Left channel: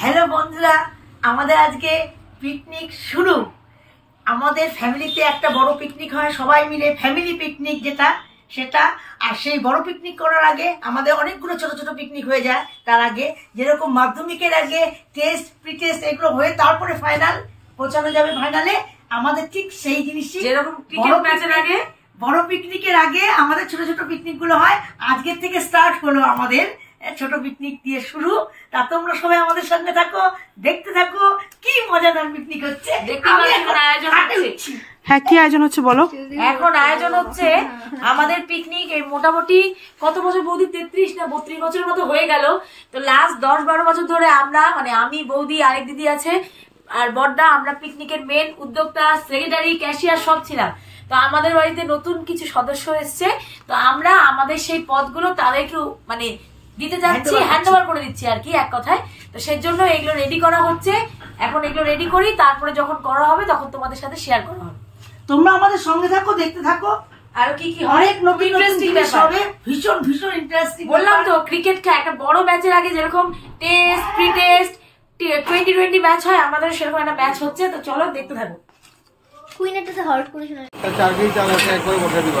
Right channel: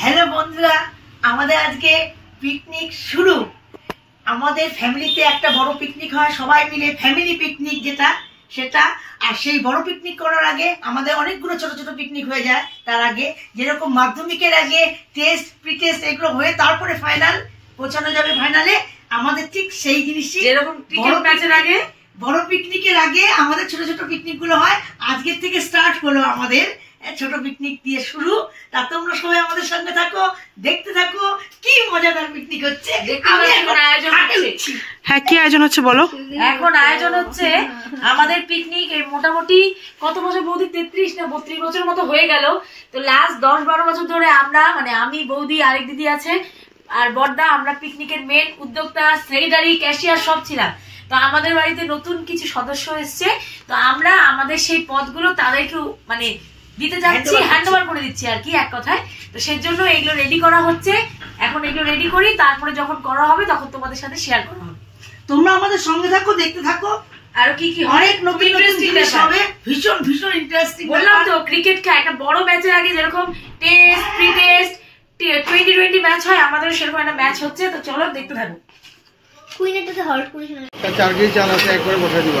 Hello বন্ধুরা, আমাদের আজকে পিকনিক শুরু। আমাদের ফ্যামিলিতে একটা বড় পিকনিক হয়, সবাই মিলে ফ্যামিলি পিকনিক যেটা সেটা। আর সেই বড় পিকনিক করার আগে আমাদের অনেকগুলো ছোট ছোট পিকনিক হয়ে যায়। তার আগে যেরকম মাধ্যমিকের আগে টেস্ট, প্রি টেস্ট এগুলো হয়ে তারপরে ফাইনাল পৌঁছানো যাবে ফাইনালে, আমাদের ঠিক সেই জিনিসই যেরকম বড় পিকনিকের আগে আমাদের ছোট ছোট পিকনিক গুলো হয়। আজকের থেকে স্টার্ট হলো আমাদের ছোট পিকনিক দিয়ে শুরু। তা তোমরা সবাই আমাদের সঙ্গে থাকো, দেখতে থাকো কি মজাদার পিকনিক হচ্ছে। হ্যাঁ, কি আয়োজন হচ্ছে বলো? এখন আয়োজন হচ্ছে আমাদের পিকনিক। এই মোটামুটি কত বছর বৌদি, 33 না 32 বছরের মতো হয়ে গেল। তো লাস্ট 10-12 বছর ধরে আমরা, মানে আমি, বৌদি, আরেক দিদি আছে আর বড়দা, আমরা পিকনিকের মেন উদ্যোক্তা, সেক্রেটারি, ক্যাশিয়ার সব ছিলাম। তো আমাদের বাড়িতে নতুন কিছু সদস্য এসছে, তো আমরা আমাদের সেই পদগুলো তাদেরকে মানে দিতে যাচ্ছি, হ্যান্ড ওভার করে দিচ্ছি আর কি, এক কথায়। তো সেজন্য এগুলো রেডি করা হচ্ছে। এখন এগুলো রেডি করি, তারপরে যখন করা হবে তখন তোমাদের সাথে শেয়ার করা হবে। তোমরা আমাদের সঙ্গে থাকো, দেখতে থাকো। আর কি কি অনেক নতুন জিনিস হবে, ভীষণ ভীষণ ইন্টারেস্টিং। বললাম তো, ক্রিকেট একটা বড় ম্যাচের আগে যেরকম টেস্ট, প্রি টেস্ট, 2020 ম্যাচ হয়, আমাদের সেরকম একটা ম্যাচ হচ্ছে। তো চলো দেখতে থাকো। কুইনেটাতে হল্ট করে শোনা 4 কেজি চাল আছে, এক করে বসে দিব।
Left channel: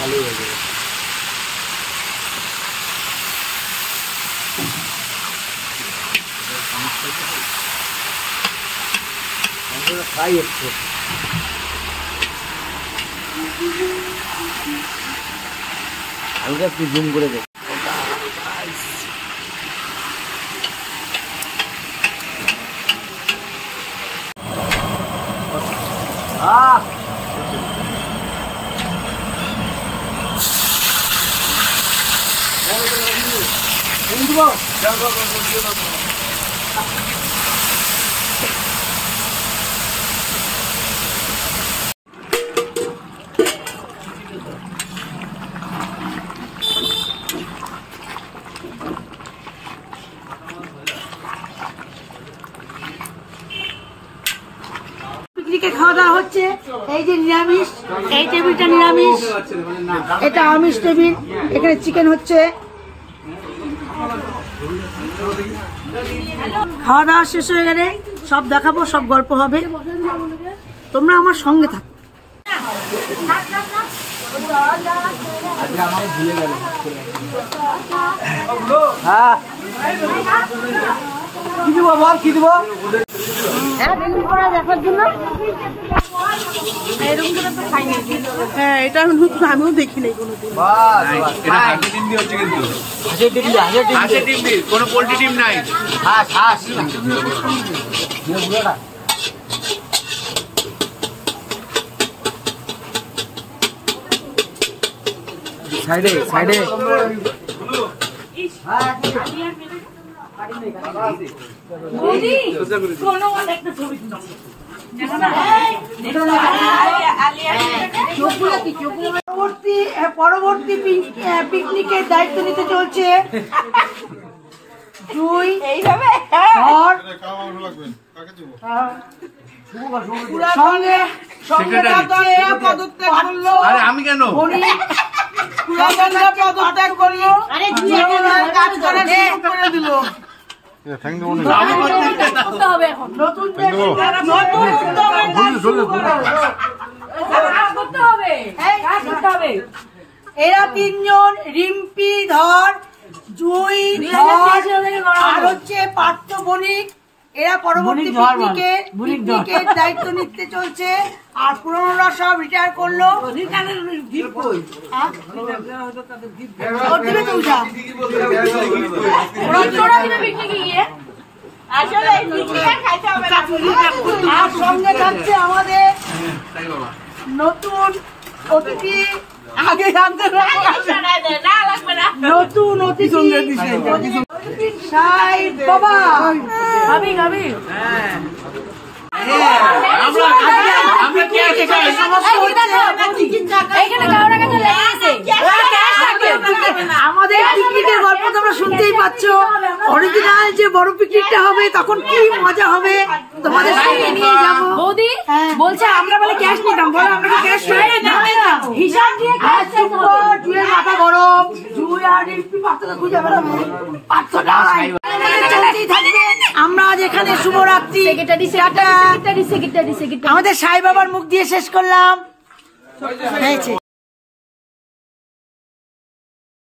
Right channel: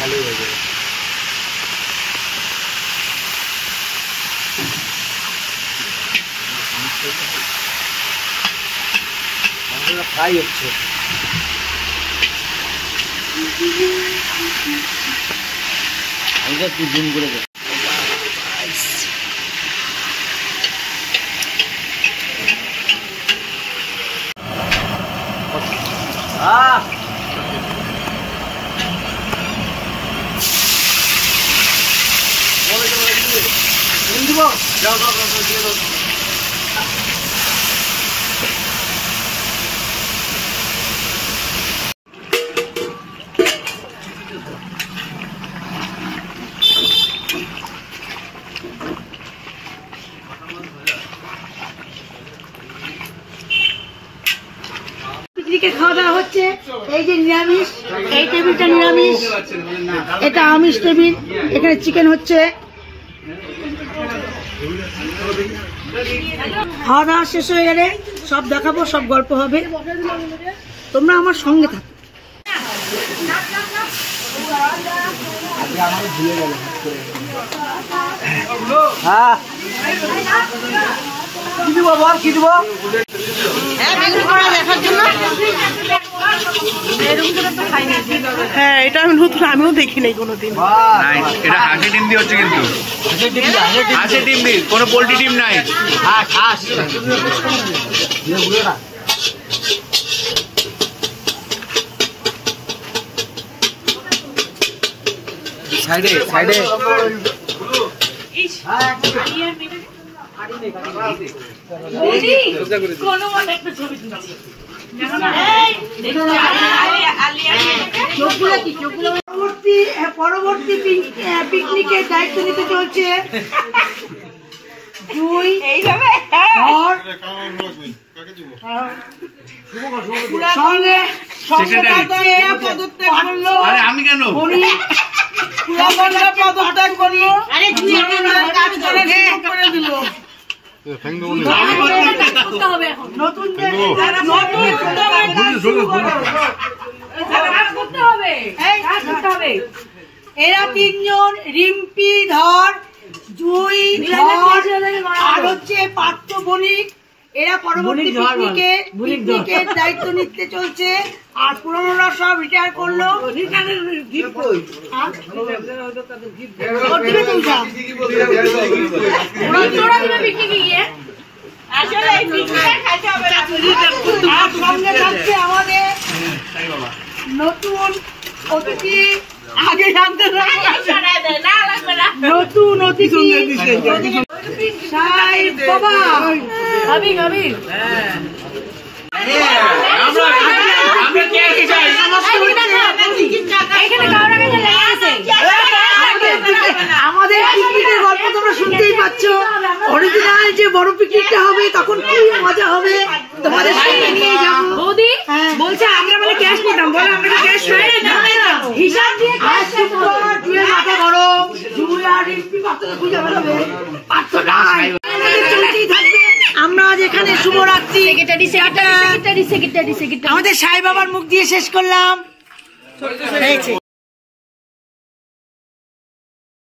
ভালোই হয়ে যাবে। ফ্রাই হচ্ছে। এটা একটু জুম করে দেব। পিকনিকে খাওয়া দাওয়া হচ্ছে। এই যে নিরামিষ, এই টেবিলটা নিরামিষ, এটা আমিষ টেবিল। এখানে চিকেন হচ্ছে। খাওয়া দাওয়া শেষ হয়ে গেলে সব দেখাবো, সব গল্প হবে। তোমরা আমার সঙ্গে থাকো। কি দিব বল, কি দিব? হ্যাঁ, এটা আমি নতুন, আমিও দেখি নাই কোনোদিন। এটা হাঁসের ডিম দিয়ে হচ্ছে, কিন্তু হাঁসের ডিম দিয়ে, কোনো পোল্ট্রি ডিম নাই। হাঁস সাইডে সাইডে পরবর্তী পিকনিকের দায়িত্ব নিতে চলছে জুই। এইভাবে আমি কেন পদত্যাগ করি কাজ করে দিল। এরা তিনজন, রিম্পি ধর, জুই ধর আর হচ্ছে পার্থ বণিক, এরা পরবর্তী পিকনিকের দায়িত্ব নিতে চলছে, আর পুরোনোরা সব রিটায়ার করলো। আর সঙ্গে থাকছে আমাদের নতুন অতিথি, আগে জানতে নতুন অতিথি সাই বাবা। আমাদের পিকনিকের গল্প তোমরা শুনতেই পাচ্ছ। অরিজিনাল যে বড় পিকনিকটা হবে তখন কি মজা হবে তোমাদের সঙ্গে নিয়ে যাবো। বৌদি বলছে আমরা বলে ক্যাশ নিতাম, বলো আমরা কি ক্যাশ হিসাব দিয়ে জুয়ের মাথা গরম, জুই আর রিম্পি পাত্রকে খুঁজে বেড়াবে, পাত্র নাই। চলতেই থাকবে। আমরা আজ এখানে শুভরাত্রি আমাদের সাই বাবার মুখ দিয়ে শেষ করলাম।